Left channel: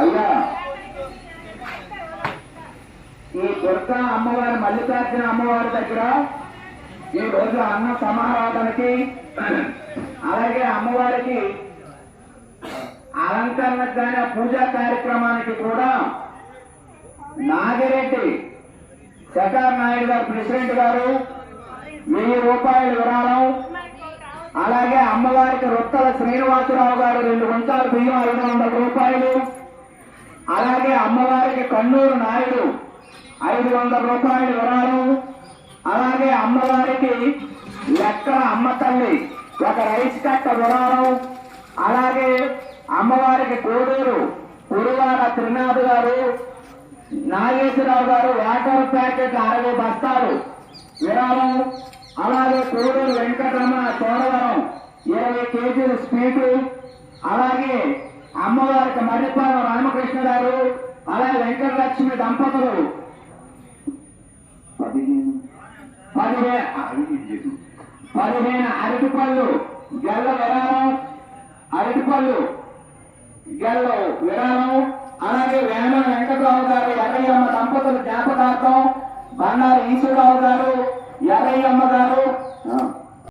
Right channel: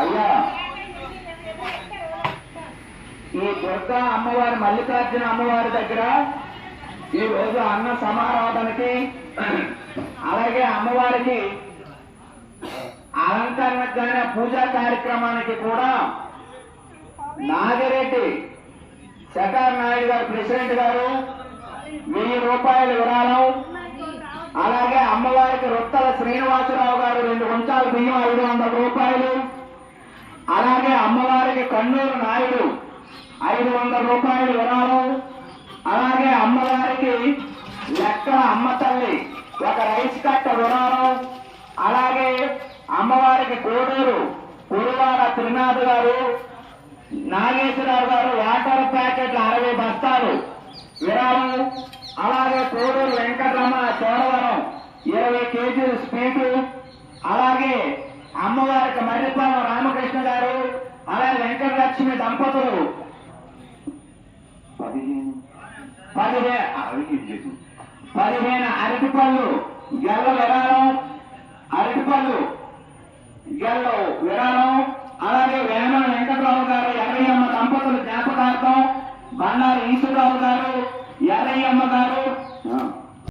అయ్యా ఈ దుర్గా అమ్మవారి మల్లికార్జున అమ్మవారి దగ్గర ఈ రోజు అన్న సమారాధనకి అలాగే అమ్మవారికి అలంకరణకు కానీ పూజా కార్యక్రమానికి కూడా నాగిరెడ్డి శేఖర్ నాయుడు గారు ప్రెసిడెంట్ గారు 1000 రూపాయల విరాళం, అలాగే అమ్మవారికి రొత్తల శ్రీనివాసరావు గారు 2 గుంటాల బియ్యం 500 రూపాయలు, అలాగే అమ్మవారికి కన్నూరు నాయుడు 500 రూపాయలు విరాళం, అలాగే అమ్మవారికి లెక్కల అమ్మ తల్లి ఒక రైస్ కట్ట విరాళం, అలాగే అమ్మవారికి కోడూరు కురువాడ త్రినాథ్ గారు నాగేశ్వరరావు గారు వాటర్ ప్యాకెట్ 60 బస్తాలు విరాళం, అలాగే కోడూరు వెంకటరమణ చోడవరం 20 కేజీలు స్వీటు, అలాగే అమ్మవారికి మర్రిపాలెం రామకృష్ణ గారు అలాగే వెంకటలక్ష్మి దంపతులు 15 అరటిపళ్ళు గెల్ల విరాళం, అరటిపళ్ళు గెల్ల విరాళం, అలాగే వేమన వెంకటరావు గారు ఎర్రయ్యమ్మ దంపతులు జ్ఞాపకార్థం బండారు ఈశ్వరరావు గారు ఎర్రయ్యమ్మ గారు